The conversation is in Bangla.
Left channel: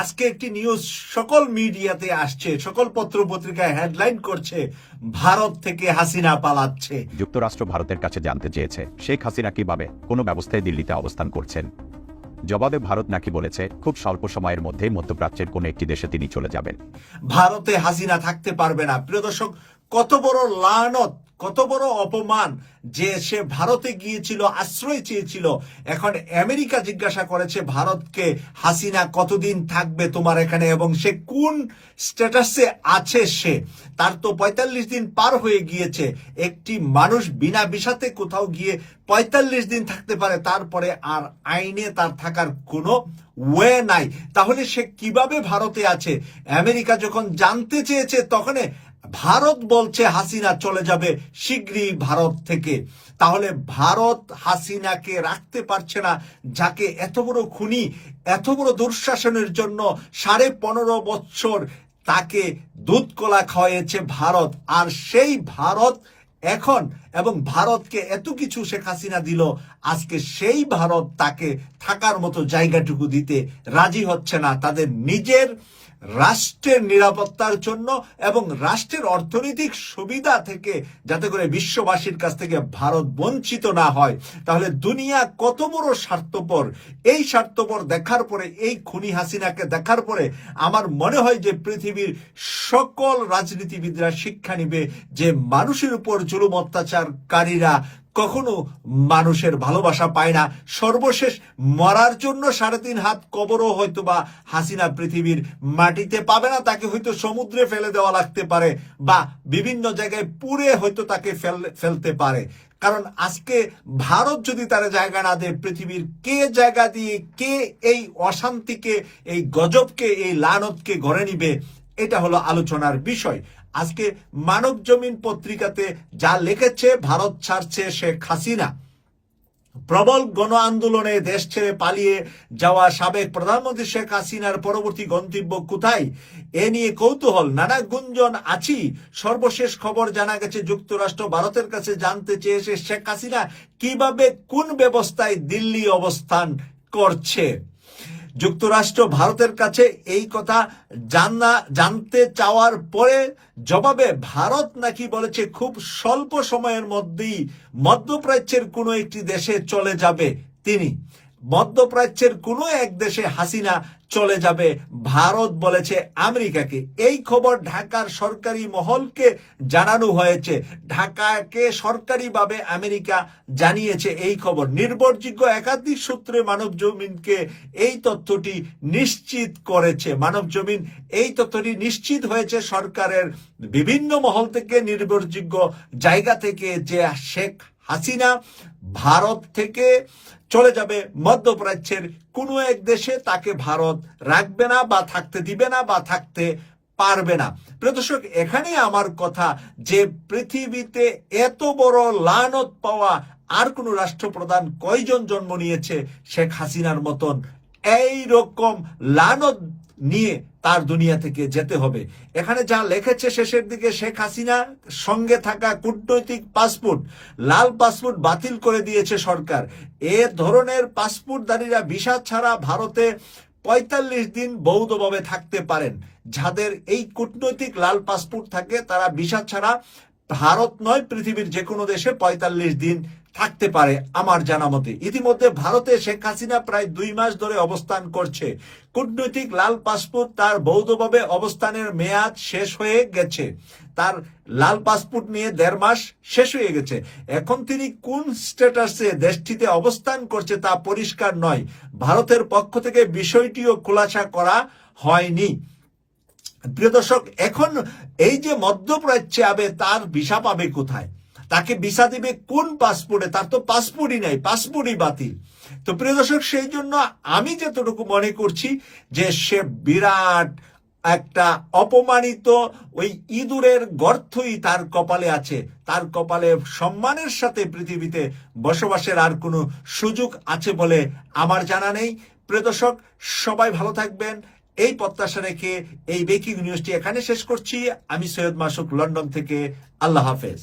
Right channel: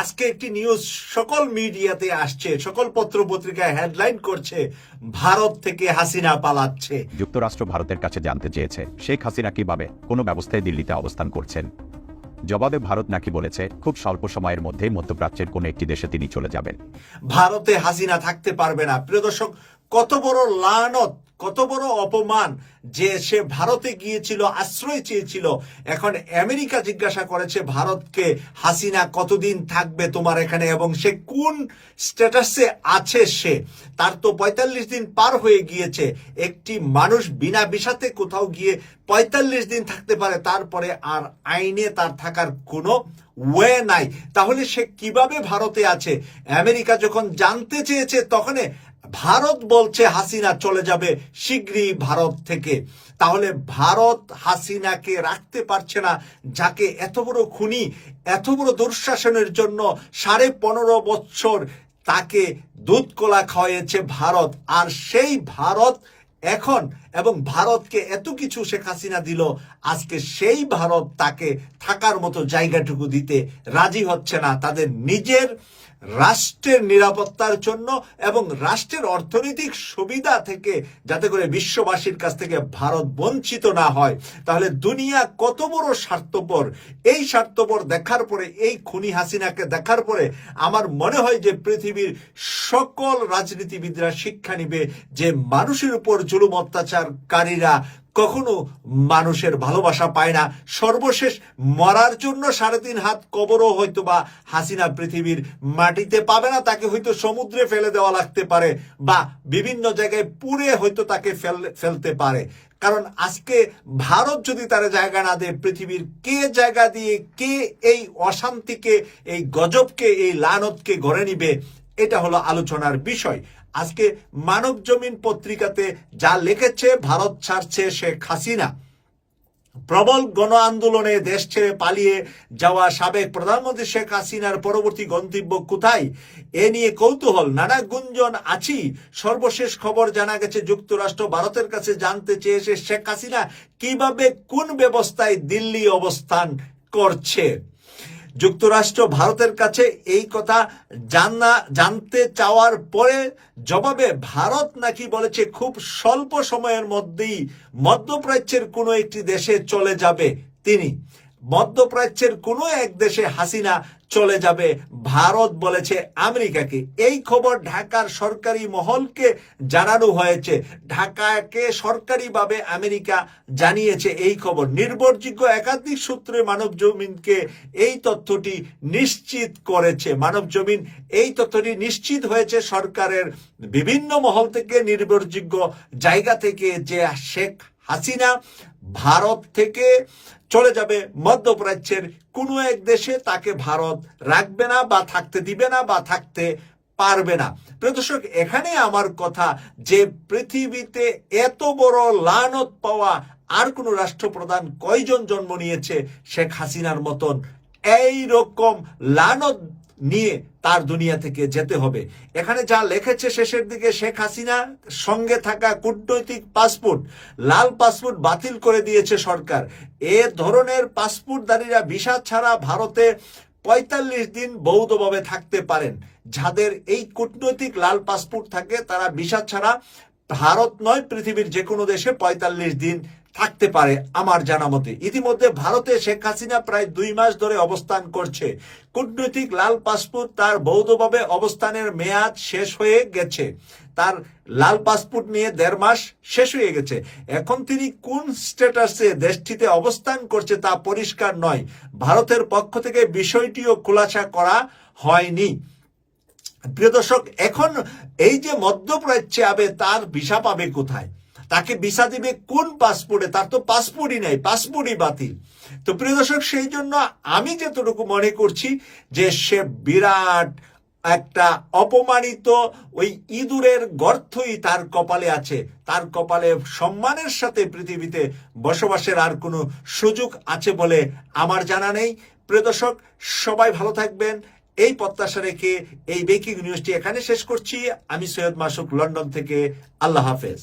আজকে একটি নিউজ সকল মিডিয়াতে আসছে, সকল পত্র পত্রিকায় হেডলাইন করছে, ভারত থেকে হাসিনা পালাচ্ছে। যুক্তরাষ্ট্র ভারতের কাছে জানতে চেয়েছে শেখ হাসিনা কিভাবে কোনো ব্যবস্থায় দিল্লিতে অবস্থান করছেন। জবাবে ভারত নাকি বলেছে খুব স্বল্প সময়ের মধ্যে মধ্যপ্রাচ্যের কোনো একটি দেশে তিনি চলে যাবেন। ভারতে হাসিনা থাকতে পারবে না। প্রিয় দর্শক, কত বড় লানত, কত বড় অপমান যে সে ভারতে গিয়েছিল, আশ্রয় চেয়েছিল। এখন আমেরিকা জিজ্ঞাসা করেছে ভারতকে, হাসিনা কতদিন থাকবে তোমার এখানে এবং সে কোন স্ট্যাটাসে আছে। সে তার তো ৪৫ দিন পার হয়ে গিয়েছে। একটি মানুষ বিনা ভিসাতে কোথাও গিয়ে ৪৫ দিন থাকতে পারে, তারপরে আর আইনে তার থাকার কোনো ওয়ে নাই। তাহলে সে কিভাবে ভারতে আছে? আমেরিকা যখন জানতে চেয়েছে তখন ভারত বলছে হাসিনা চলে যাবে শীঘ্রই ভারত থেকে। তাহলে ভারত হাসিনাকে রাখতে পারছে না, যাকে এত বড় খুনি, এত বড় দুঃশাসনের জন্য 15.5 বছর তাকে দুধ কলা খাওয়াইছে ভারত। আর সেই ভারত এখন, এবং ভারতকে এত কিছু শেখ হাসিনা দিল, আজকে সেই ভারত তাকে থাকার মতো জায়গাটুকু দিতে রাজি হচ্ছে না। তাদের নিজের রাষ্ট্রের নিরাপত্তার জন্য এবং রাষ্ট্রের অর্থনৈতিক সুবিধা থেকে, যাতে করে বিশ্ববাসীর কাছ থেকে ভারত বঞ্চিত না হয়। তাহলে দুনিয়া কত বড় স্বার্থপর! এই স্বার্থপর দেখার পরে, এই খুনি হাসিনাকে দেখার পরে আমার মনে হয় যে পৃথিবীর সকল রাজনীতিবিদরা শিক্ষা নিবে যে মানুষের উপর জুলুম অত্যাচারকারীরা কখনো মানুষের ভালোবাসা পায় না। সর্বশেষ মরার জন্য 3.5 হাত কবরও হয়তো বা হাসিনা পৃথিবীর মাটিতে পাবে না। তাকে হয়তো সমুদ্রে ফেলে দেওয়া লাগতে পারে, বা বিভিন্ন জায়গায় পুড়ে হয়তো তাকে ফেলতে পারে। কারণ আজকে ভারত যদি তার জায়গা না দেয়, পৃথিবীর কে জায়গা দিয়ে, কে এই অশান্তিকে, এই গজবকে, এই লানতকে গড়ে নিবে? এটা হলো আলোচনার বিষয়। আজকে মানব জমিন পত্রিকাতে যা লিখেছে, ভারত ছাড়ছে শেখ হাসিনা। প্রবল গণ আন্দোলনে দেশ ছেড়ে পালিয়ে যাওয়া সাবেক প্রধানমন্ত্রী শেখ হাসিনার পরবর্তী গন্তব্য কোথায়, এ নিয়ে কৌতূহল, নানা গুঞ্জন আছি। সর্বশেষ খবর জানা গেছে, যুক্তরাষ্ট্র ভারতের কাছে জানতে চেয়েছে শেখ হাসিনা কিভাবে, কোন ব্যবস্থায় দিল্লি অবস্থান করছে। যুক্তরাষ্ট্র ভারতের কাছে এই কথা জানতে চাওয়ার পরে জবাবে ভারত নাকি বলেছে খুব স্বল্প সময়ের মধ্যেই মধ্যপ্রাচ্যের কোনো একটি দেশে চলে যাবে তিনি। মধ্যপ্রাচ্যের কোনো এক দেশে হাসিনা চলে যাবে, ভারত বলেছে আমেরিকাকে। এই খবর ঢাকার সরকারি মহলকে জানানো হয়েছে। ঢাকাকে সরকারিভাবে আমেরিকা জানিয়েছে এই খবর। নির্ভরযোগ্য একাধিক সূত্রে মানব জমিনকে এই তথ্যটি নিশ্চিত করেছে। মানব জমিন এই তথ্যটি নিশ্চিত হয়েছে সরকারের বিভিন্ন মহল থেকে, নির্ভরযোগ্য জায়গা থেকে, যে শেখ হাসিনা ভারত থেকে চলে যাবে মধ্যপ্রাচ্যের কোনো এক দেশে। তাকে ভারত রাখবে না, বা থাকতে দিবে না, বা থাকতে পারবে না। প্রিয় দর্শক, এখানে আমার কথা যে পৃথিবীতে এত বড় লানত পাওয়া আর কোন রাষ্ট্রপ্রধান কয়জন জন্ম নিয়েছে শেখ হাসিনার মতন? এই রকম লানত নিয়ে তার দুনিয়া থেকে যেতে হবে। এখানে যা লিখেছে শেষের দিকে, শেখ হাসিনা সঙ্গে থাকা কূটনৈতিক পাসপোর্ট, লাল পাসপোর্ট বাতিল করে দিয়েছে সরকার। এ ধরনের পাসপোর্টধারীরা ভিসা ছাড়া ভারতে ৪৫ দিন বৈধভাবে থাকতে পারেন। যাদের এই কূটনৈতিক লাল পাসপোর্ট থাকে, তারা ভিসা ছাড়া ভারত নয়, পৃথিবীর যে কোনো দেশে ৪৫ দিন থাকতে পারে আমার জানা মতে। ইতিমধ্যে ভারতে শেখ হাসিনা প্রায় 2 মাস ধরে অবস্থান করছে। কূটনৈতিক লাল পাসপোর্ট, তার বৈধভাবে অবস্থানের মেয়াদ শেষ হয়ে গেছে। তার লাল পাসপোর্ট নিয়ে 1.5 মাস শেষ হয়ে গেছে। এখন তিনি কোন স্ট্যাটাসে দেশটিতে অবস্থান করছে তা পরিষ্কার নয়। ভারতের পক্ষ থেকে বিষয়টিও খোলাসা করা হয়নি। প্রিয় দর্শক, এখন এই যে মধ্যপ্রাচ্যে যাবে, তার ভিসা পাবে কোথায়? তাকে ভিসা দিবে কোন পাসপোর্টে? তার তো পাসপোর্টই নাই, পাসপোর্টই বাতিল। তো প্রিয় দর্শক, সেই জন্য আমি যতটুকু মনে করছি যে সে বিরাট একটা অপমানিত, ওই ইঁদুরের গর্তই তার কপালে আছে। তার কপালে সম্মানের সাথে পৃথিবীতে বসবাসের আর কোনো সুযোগ আছে বলে আমার জানা নেই। প্রিয় দর্শক, সবাই ভালো থাকবেন, এই প্রত্যাশা রেখে এই ব্রেকিং নিউজটি এখানে শেষ করছি। আমি সৈয়দ মাসুক, লন্ডন থেকে। আল্লাহ হাফেজ।